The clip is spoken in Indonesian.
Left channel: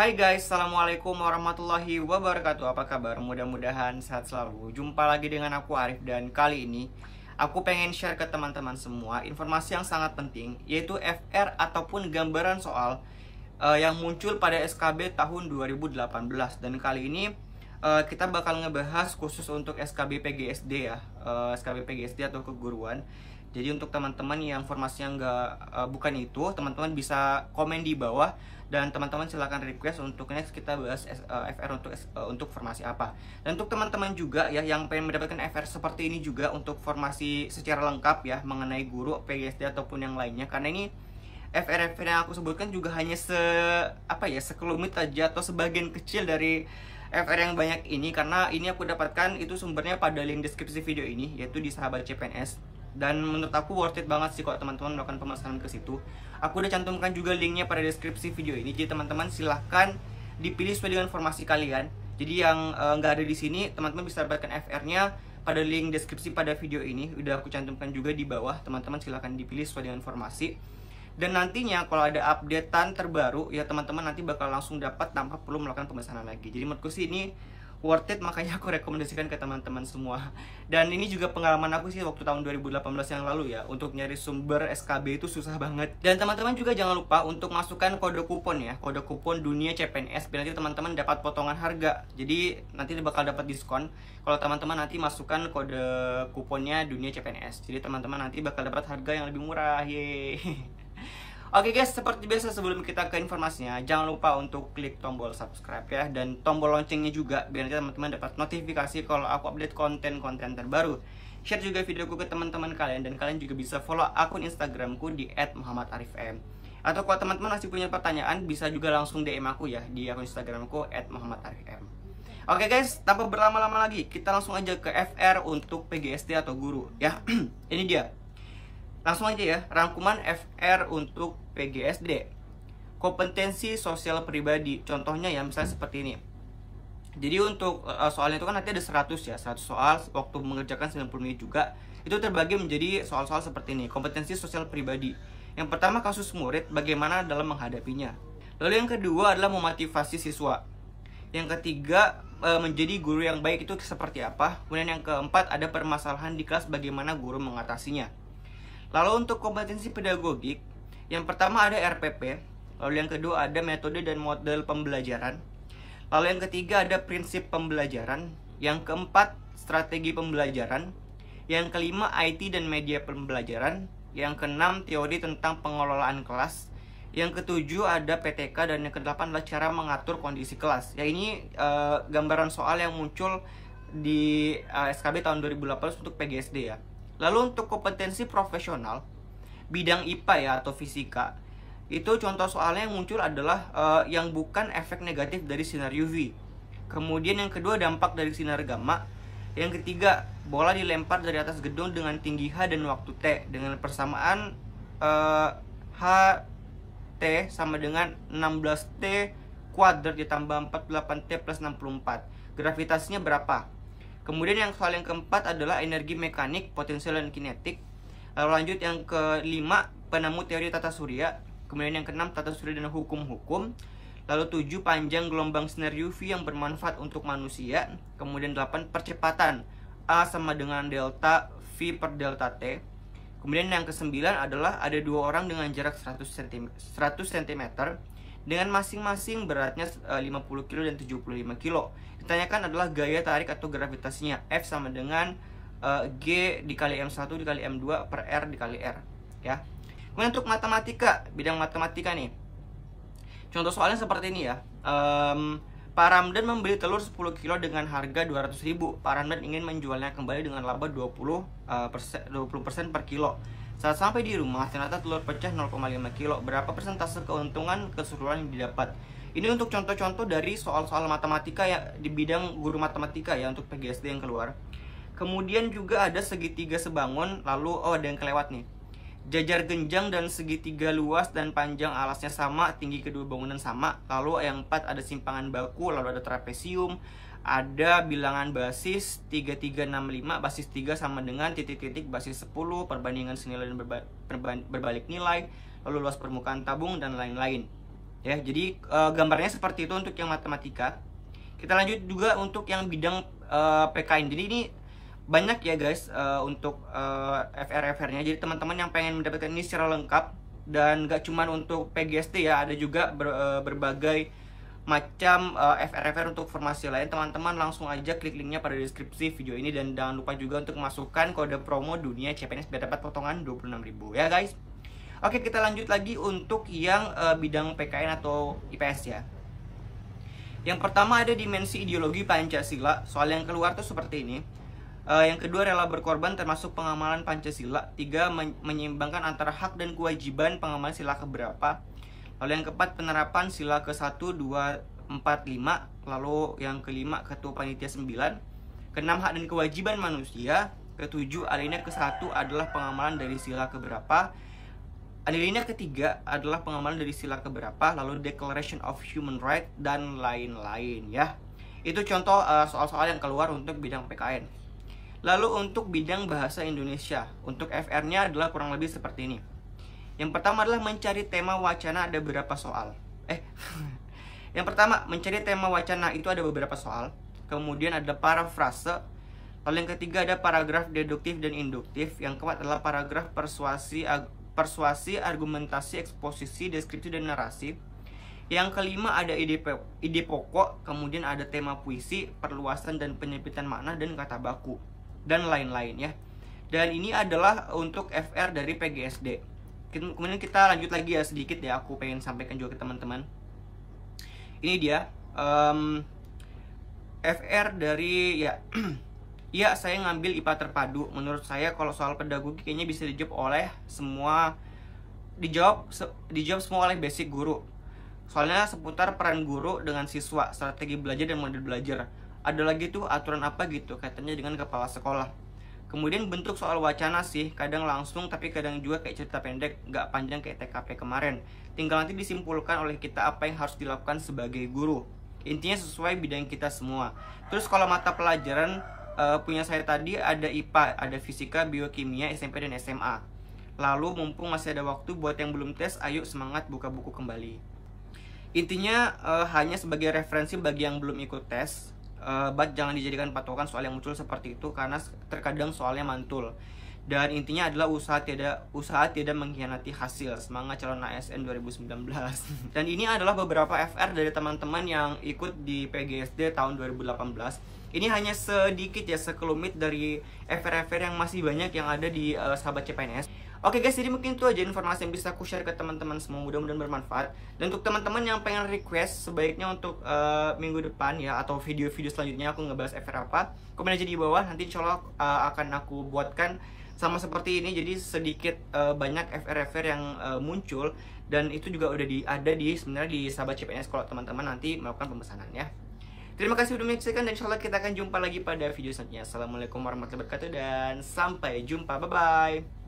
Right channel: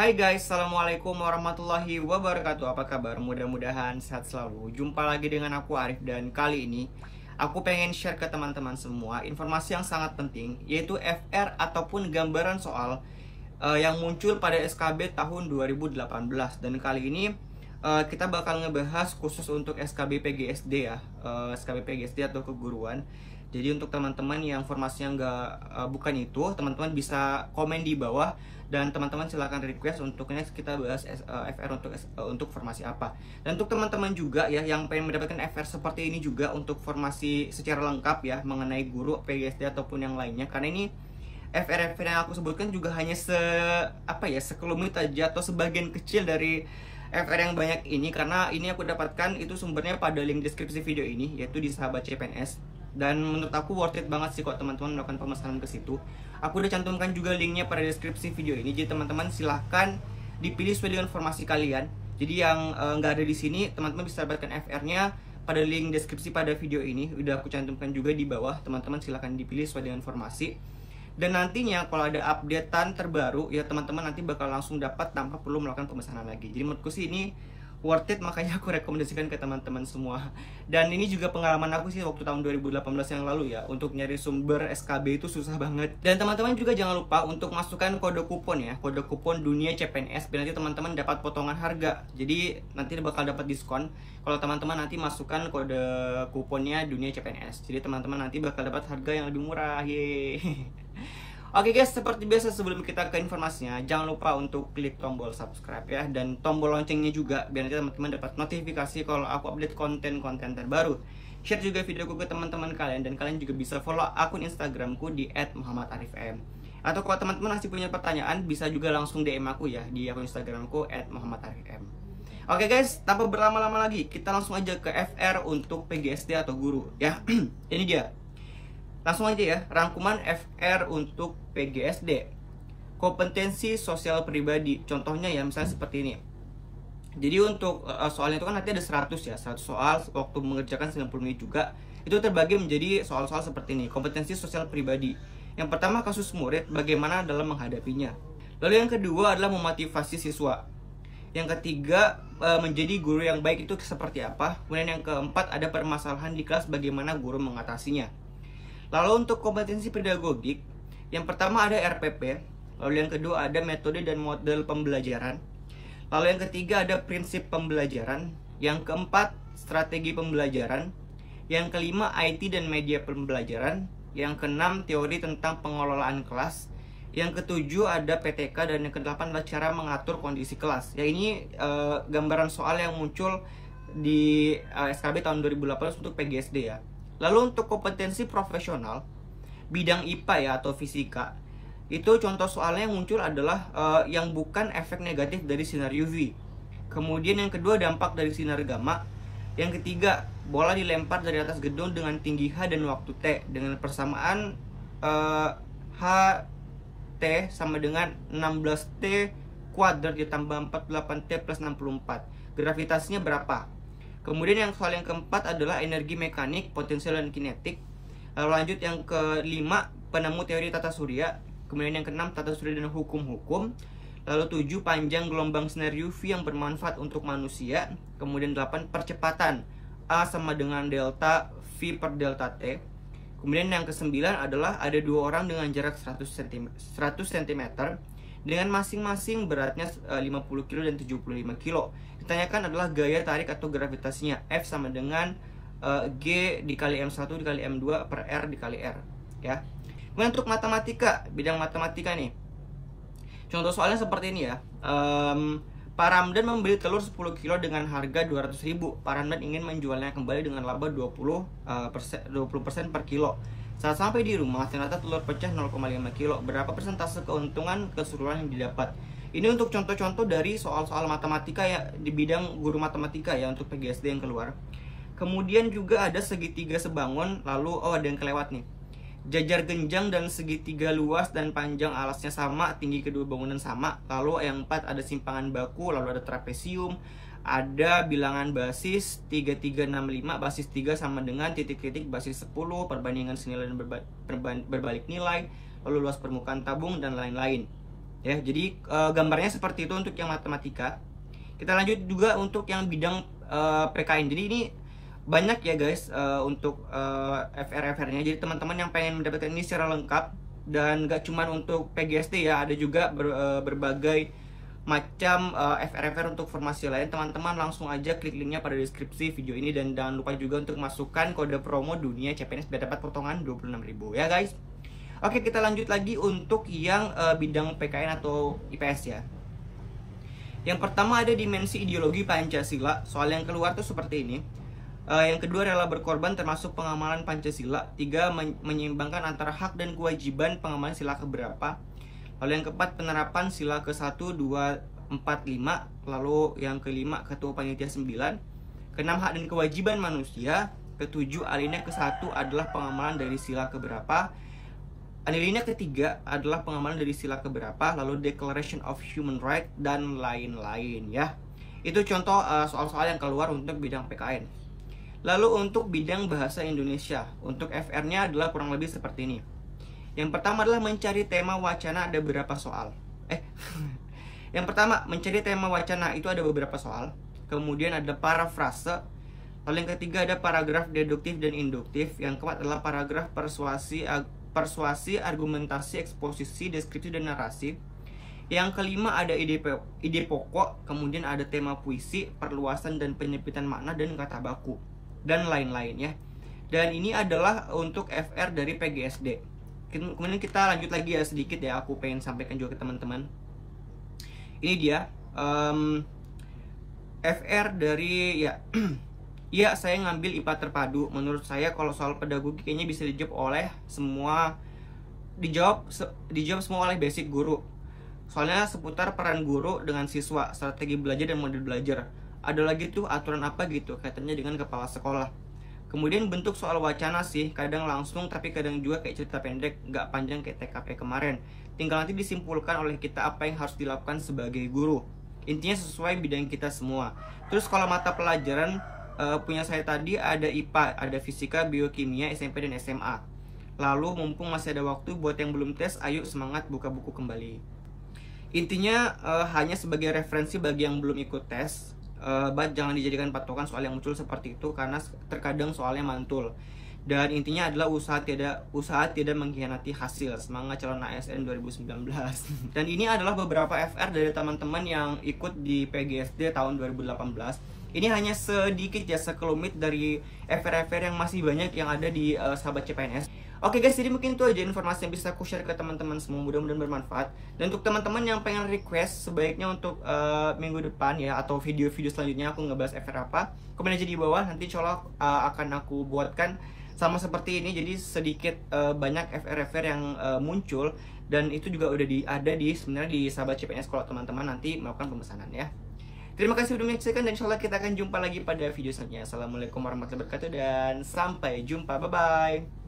Hai guys, Assalamualaikum warahmatullahi wabarakatuh. Apa kabar? Mudah-mudahan sehat selalu. Jumpa lagi dengan aku Arif, dan kali ini aku pengen share ke teman-teman semua informasi yang sangat penting, yaitu FR ataupun gambaran soal yang muncul pada SKB tahun 2018. Dan kali ini kita bakal ngebahas khusus untuk SKB PGSD ya, SKB PGSD atau keguruan. Jadi untuk teman-teman yang informasinya bukan itu, teman-teman bisa komen di bawah dan teman-teman silahkan request untuk next kita bahas FR untuk formasi apa. Dan untuk teman-teman juga ya yang pengen mendapatkan FR seperti ini juga untuk formasi secara lengkap ya mengenai guru PGSD ataupun yang lainnya, karena ini FR yang aku sebutkan juga hanya sekelumit aja atau sebagian kecil dari FR yang banyak ini, karena ini aku dapatkan itu sumbernya pada link deskripsi video ini, yaitu di Sahabat CPNS. Dan menurut aku worth it banget sih kalau teman-teman melakukan pemesanan ke situ. Aku udah cantumkan juga linknya pada deskripsi video ini, jadi teman-teman silahkan dipilih sesuai dengan informasi kalian. Jadi yang nggak ada di sini, teman-teman bisa dapatkan FR-nya pada link deskripsi pada video ini. Udah aku cantumkan juga di bawah, teman-teman silahkan dipilih sesuai dengan informasi. Dan nantinya kalau ada updatean terbaru ya teman-teman nanti bakal langsung dapat tanpa perlu melakukan pemesanan lagi. Jadi menurutku sih ini worth it, makanya aku rekomendasikan ke teman-teman semua. Dan ini juga pengalaman aku sih waktu tahun 2018 yang lalu ya, untuk nyari sumber SKB itu susah banget. Dan teman-teman juga jangan lupa untuk masukkan kode kupon ya, kode kupon Dunia CPNS, biar nanti teman-teman dapat potongan harga. Jadi nanti bakal dapat diskon kalau teman-teman nanti masukkan kode kuponnya Dunia CPNS. Jadi teman-teman nanti bakal dapat harga yang lebih murah. Yeay. Oke guys, seperti biasa sebelum kita ke informasinya, jangan lupa untuk klik tombol subscribe ya, dan tombol loncengnya juga, biar nanti teman-teman dapat notifikasi kalau aku update konten-konten terbaru. Share juga videoku ke teman-teman kalian, dan kalian juga bisa follow akun Instagramku di @muhammadarifm. Atau kalau teman-teman masih punya pertanyaan, bisa juga langsung DM aku ya di akun Instagramku @muhammadarifm. Oke guys, tanpa berlama-lama lagi, kita langsung aja ke FR untuk PGSD atau guru ya. Ini dia. Langsung aja ya, rangkuman FR untuk PGSD. Kompetensi sosial pribadi. Contohnya ya, misalnya seperti ini. Jadi untuk soalnya itu kan nanti ada 100 ya, 100 soal waktu mengerjakan 90 menit juga. Itu terbagi menjadi soal-soal seperti ini. Kompetensi sosial pribadi. Yang pertama, kasus murid, bagaimana dalam menghadapinya. Lalu yang kedua adalah memotivasi siswa. Yang ketiga, menjadi guru yang baik itu seperti apa. Kemudian yang keempat, ada permasalahan di kelas, bagaimana guru mengatasinya. Lalu untuk kompetensi pedagogik, yang pertama ada RPP, lalu yang kedua ada metode dan model pembelajaran, lalu yang ketiga ada prinsip pembelajaran, yang keempat strategi pembelajaran, yang kelima IT dan media pembelajaran, yang keenam teori tentang pengelolaan kelas, yang ketujuh ada PTK, dan yang kedelapan adalah cara mengatur kondisi kelas. Ya ini gambaran soal yang muncul di SKB tahun 2018 untuk PGSD ya. Lalu untuk kompetensi profesional bidang IPA ya atau fisika, itu contoh soalnya yang muncul adalah yang bukan efek negatif dari sinar UV. Kemudian yang kedua, dampak dari sinar gamma. Yang ketiga, bola dilempar dari atas gedung dengan tinggi H dan waktu T dengan persamaan H T sama dengan 16T kuadrat ditambah 48T plus 64. Gravitasinya berapa? Kemudian yang soal yang keempat adalah energi mekanik, potensial dan kinetik. Lalu lanjut yang kelima, penemu teori tata surya. Kemudian yang keenam, tata surya dan hukum-hukum. Lalu 7, panjang gelombang sinar UV yang bermanfaat untuk manusia. Kemudian 8, percepatan A sama dengan delta V per delta T. Kemudian yang ke-9 adalah ada dua orang dengan jarak 100 cm dengan masing-masing beratnya 50 kg dan 75 kg. Ditanyakan adalah gaya tarik atau gravitasinya. F sama dengan G dikali M1 dikali M2 per R dikali R ya. Kemudian untuk matematika, bidang matematika nih, contoh soalnya seperti ini ya. Pak Ramdan membeli telur 10 kilo dengan harga 200.000. Pak Ramdan ingin menjualnya kembali dengan laba 20% per kilo. Saat sampai di rumah, ternyata telur pecah 0,5 kilo. Berapa persentase keuntungan keseluruhan yang didapat? Ini untuk contoh-contoh dari soal-soal matematika ya, di bidang guru matematika ya untuk PGSD yang keluar. Kemudian juga ada segitiga sebangun, lalu ada yang kelewat nih. Jajar genjang dan segitiga luas dan panjang alasnya sama, tinggi kedua bangunan sama. Lalu yang 4 ada simpangan baku, lalu ada trapesium, ada bilangan basis 3365, basis 3 sama dengan titik-titik basis 10, perbandingan senilai dan berbalik nilai, lalu luas permukaan tabung dan lain-lain. Ya, jadi gambarnya seperti itu untuk yang matematika. Kita lanjut juga untuk yang bidang PKN. Jadi ini banyak ya guys untuk FR-FR-nya. Jadi teman-teman yang pengen mendapatkan ini secara lengkap dan gak cuman untuk PGSD ya, ada juga berbagai macam FR-FR untuk formasi lain. Teman-teman langsung aja klik linknya pada deskripsi video ini, dan jangan lupa juga untuk masukkan kode promo dunia CPNS biar dapat potongan 26.000 ya guys. Oke, kita lanjut lagi untuk yang bidang PKN atau IPS ya. Yang pertama ada dimensi ideologi Pancasila. Soal yang keluar tuh seperti ini. Yang kedua rela berkorban termasuk pengamalan Pancasila. 3 menyeimbangkan antara hak dan kewajiban pengamalan sila keberapa. Lalu yang keempat penerapan sila ke-1, 2, 4, 5. Lalu yang kelima ketua panitia 9. Keenam hak dan kewajiban manusia. Ketujuh alinea ke-1 adalah pengamalan dari sila keberapa. Alinea ketiga adalah pengamalan dari sila keberapa, lalu Declaration of Human Rights dan lain-lain ya. Itu contoh soal-soal yang keluar untuk bidang PKN. Lalu untuk bidang bahasa Indonesia, untuk FR-nya adalah kurang lebih seperti ini. Yang pertama adalah mencari tema wacana, ada beberapa soal. Yang pertama mencari tema wacana itu ada beberapa soal. Kemudian ada parafrase. Lalu yang ketiga ada paragraf deduktif dan induktif. Yang keempat adalah paragraf persuasi, argumentasi, eksposisi, deskripsi, dan narasi. Yang kelima ada ide pokok, kemudian ada tema puisi, perluasan dan penyempitan makna, dan kata baku, dan lain-lain ya. Dan ini adalah untuk FR dari PGSD. Kemudian kita lanjut lagi ya sedikit ya, aku pengen sampaikan juga ke teman-teman. Ini dia FR dari ya ya, saya ngambil IPA terpadu. Menurut saya kalau soal pedagogi kayaknya bisa dijawab oleh semua, dijawab semua oleh basic guru. Soalnya seputar peran guru dengan siswa, strategi belajar dan model belajar. Ada lagi tuh aturan apa gitu kaitannya dengan kepala sekolah. Kemudian bentuk soal wacana sih, kadang langsung tapi kadang juga kayak cerita pendek, nggak panjang kayak TKP kemarin. Tinggal nanti disimpulkan oleh kita apa yang harus dilakukan sebagai guru. Intinya sesuai bidang kita semua. Terus kalau mata pelajaran punya saya tadi ada IPA, ada fisika, biokimia, SMP dan SMA. Lalu mumpung masih ada waktu buat yang belum tes, ayo semangat buka buku kembali. Intinya hanya sebagai referensi bagi yang belum ikut tes. But jangan dijadikan patokan soal yang muncul seperti itu karena terkadang soalnya mantul. Dan intinya adalah usaha tidak mengkhianati hasil. Semangat calon ASN 2019. Dan ini adalah beberapa FR dari teman-teman yang ikut di PGSD tahun 2018. Ini hanya sedikit ya, sekelumit dari FR-FR yang masih banyak yang ada di sahabat CPNS. Oke guys, jadi mungkin itu aja informasi yang bisa aku share ke teman-teman semua, mudah-mudahan bermanfaat. Dan untuk teman-teman yang pengen request sebaiknya untuk minggu depan ya, atau video-video selanjutnya aku ngebahas FR apa, komen aja di bawah, nanti insya Allah akan aku buatkan sama seperti ini. Jadi sedikit banyak FR-FR yang muncul, dan itu juga udah ada di sebenarnya di sahabat CPNS kalau teman-teman nanti melakukan pemesanan ya. Terima kasih sudah menyaksikan, dan insya Allah kita akan jumpa lagi pada video selanjutnya. Assalamualaikum warahmatullahi wabarakatuh dan sampai jumpa, bye bye.